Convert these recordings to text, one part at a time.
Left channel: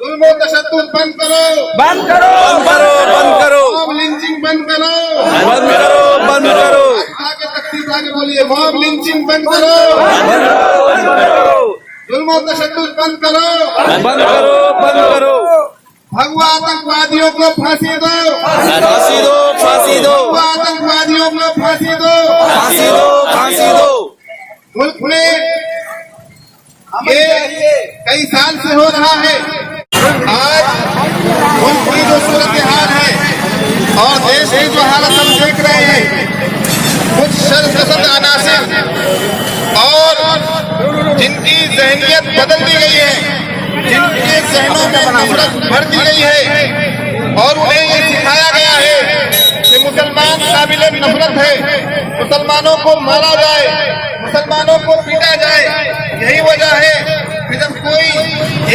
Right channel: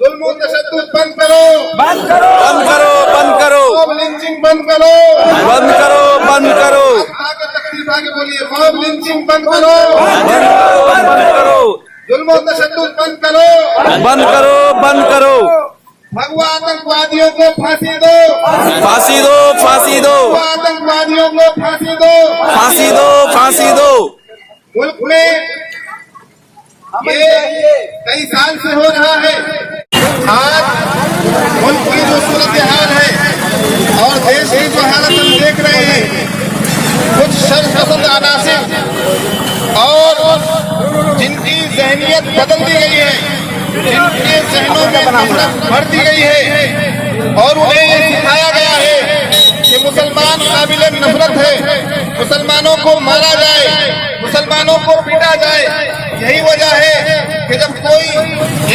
जुल्म तशद्दुद बंद करो, बंद करो, बंद करो, बंद करो, मॉब लिंचिंग बंद करो, बंद करो, बंद करो, आगे तकलीफ आगे बोलिए, मॉब लिंचिंग बंद करो, बंद करो, बंद करो, जुल्म तशद्दुद बंद करो, बंद करो, बंद करो, भगवा आतंकवादियों को फांसी दो, फांसी दो, फांसी दो, भगवा आतंकवादियों को फांसी दो। फांसी दो, फांसी दो। मुल्क में ये कई साल से हो रहा है। आज मुल्क की जो सूरत हाल है और देश की जो हालत हम देख रहे हैं, कुछ शरपसंद अनासिर और जिनकी जहनियत बदल दी गई है, जिनके जहनों में नफरत भर दी गई है और उन्हें ये सिखाया गया है कि मुसलमान काबिल नफरत है, मुसलमानों को मारा जाए, मुसलमानों को पीटा जाए। यही वजह है कि जब कोई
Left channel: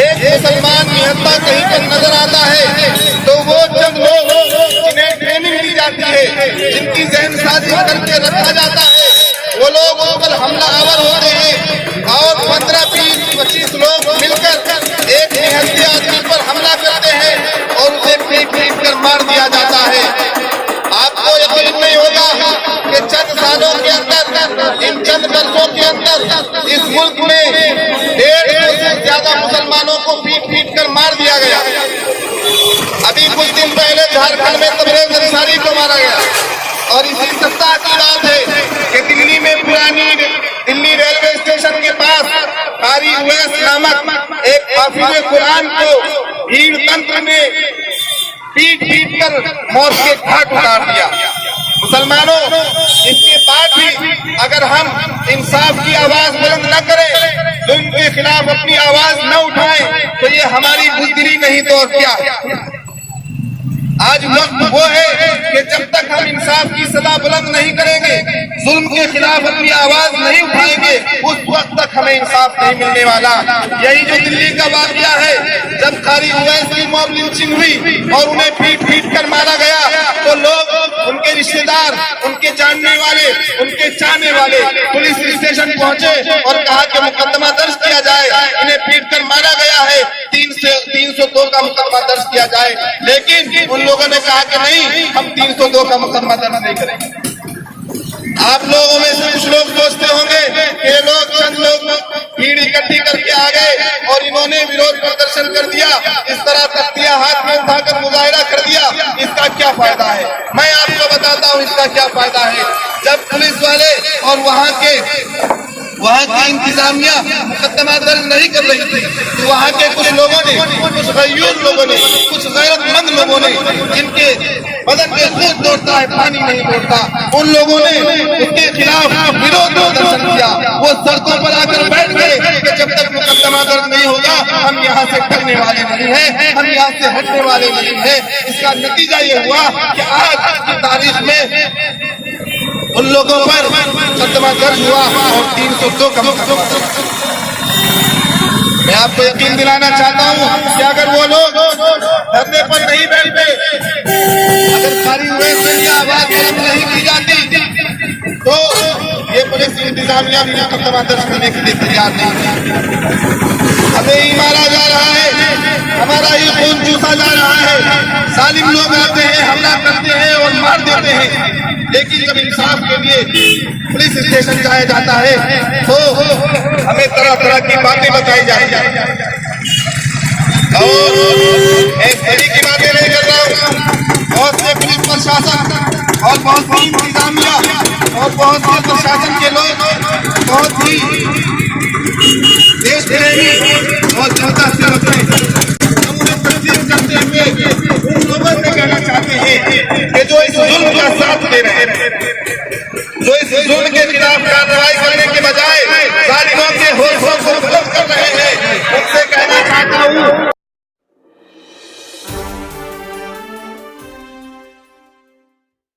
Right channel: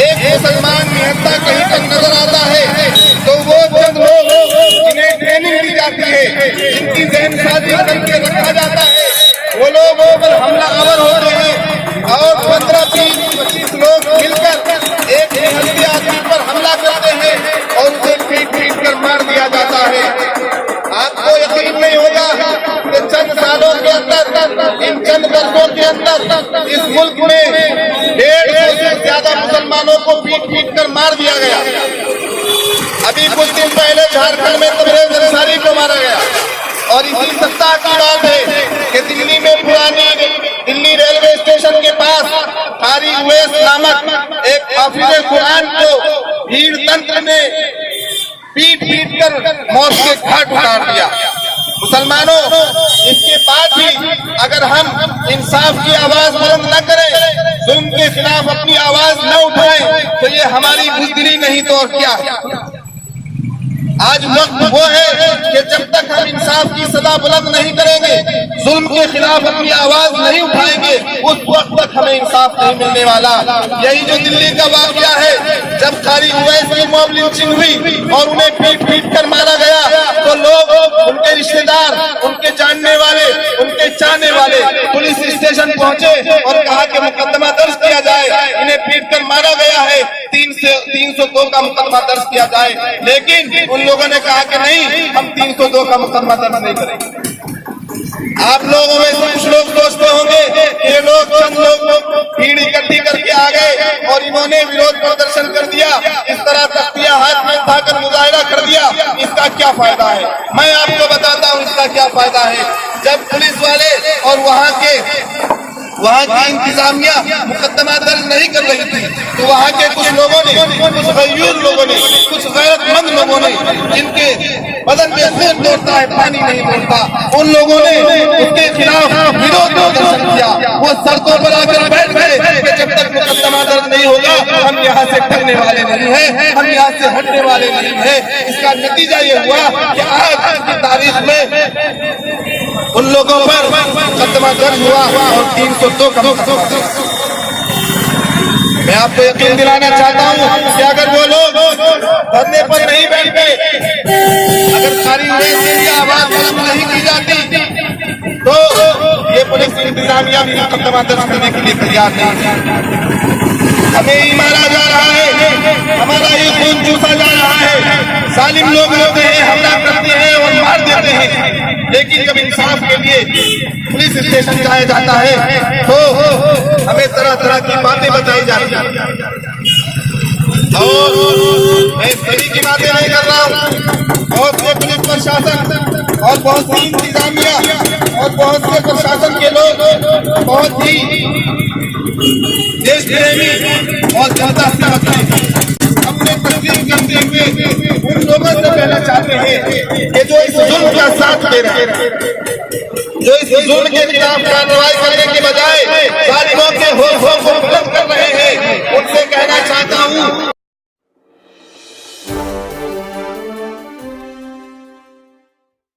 एक मुसलमान निहत्था कहीं पर नजर आता है तो वो चंद लोग जिन्हें ट्रेनिंग दी जाती है, जिनकी जहनसाजी करके रखा जाता है, वो लोग पर हमलावर होते हैं और 15, 20, 25 लोग मिलकर एक निहत्थे आदमी पर हमला करते हैं और उसे पीट पीट कर मार दिया जाता है। आपको यकीन नहीं होगा कि चंद सालों के अंदर, इन चंद वर्षों के अंदर इस मुल्क में 150 से ज्यादा मुसलमानों को पीट पीट कर मार दिया गया। अभी कुछ दिन पहले झारखंड में तबरेज अंसारी को मारा गया और इसी सप्ताह की बात है कि दिल्ली में पुरानी दिल्ली रेलवे स्टेशन के पास कारी उवैस नामक एक हाफिज कुरान को भीड़ तंत्र ने पीट पीट कर मौत के घाट उतार दिया। मुसलमानों, इसके बाद भी अगर हम इंसाफ की आवाज बुलंद न करें, जुल्म के खिलाफ अपनी आवाज न उठाएं, तो ये हमारी बुजदिली नहीं तो और क्या है। आज वक्त वो है कि जब तक हम इंसाफ की सदा बुलंद नहीं करेंगे, जुल्म के खिलाफ अपनी आवाज नहीं उठाएंगे, उस वक्त तक हमें इंसाफ नहीं मिलने वाला। यही जो दिल्ली का वाकया है, जब कारी उवैस की मॉब लिंचिंग हुई और उन्हें पीट पीट कर मारा गया, तो लोग, उनके रिश्तेदार, उनके जानने वाले, उनके चाहने वाले पुलिस स्टेशन पहुंचे और कहा कि मुकदमा दर्ज किया जाए, इन्हें पीट कर मारा गया है, 302 का मुकदमा दर्ज किया जाए। लेकिन उन लोगों ने कहा कि नहीं, हम 302 का मुकदमा दर्ज नहीं करेंगे। आप लोगों में से कुछ लोग सोचते होंगे कि ये लोग, चंद लोग भीड़ इकट्ठी करके आ गए और इन्होंने विरोध प्रदर्शन कर दिया, इस तरह तख्तियां हाथ में उठाकर मुजाहिरा कर दिया, इसका क्या फायदा है? मैं आपको बताता हूँ इसका क्या फायदा है। जब पुलिस वाले और वहाँ की इंतजामिया मुकदमा दर्ज नहीं कर रही थी, तो वहाँ के कुछ लोगों ने, कुछ गयूर लोगों ने, कुछ गैरतमंद लोगों ने, जिनके बदन पे खून दौड़ता है पानी नहीं दौड़ता, उन लोगों ने उसके खिलाफ विरोध प्रदर्शन किया। वो सड़कों पर आकर बैठ गए कि जब तक मुकदमा दर्ज नहीं होगा हम यहाँ से डरने वाले नहीं हैं, हम यहाँ से हटने वाले नहीं हैं। इसका नतीजा ये हुआ कि आज की तारीख में उन लोगों पर मुकदमा दर्ज हुआ और 302 का मुकदमा दर्ज। मैं आपको यकीन दिलाना चाहता हूँ कि अगर वो लोग धरने पर नहीं बैठते, अगर कारी उवैस की आवाज बुलंद नहीं की जाती, तो ये पुलिस इंतजामिया भी मुकदमा दर्ज करने के लिए तैयार नहीं। हमें ही मारा जा रहा है, हमारा ही खून चूसा जा रहा है, जालिम लोग आते हैं, हमला करते हैं और मार देते हैं। लेकिन जब इंसाफ के लिए पुलिस स्टेशन जाया जाता है तो हमें तरह तरह की बातें बताई जाती हैं। और मैं सभी की बातें नहीं कर रहा हूँ, बहुत से पुलिस प्रशासन और बहुत सी इंतजामिया और बहुत से प्रशासन के लोग बहुत ही देश प्रेमी और जनता सेवक हैं। हम उन्हें तस्लीम करते हुए उन लोगों से कहना चाहते हैं कि जो इस जुल्म का साथ दे रहे हैं, जो इस जुल्म के खिलाफ कार्रवाई करने के बजाय जालिमों से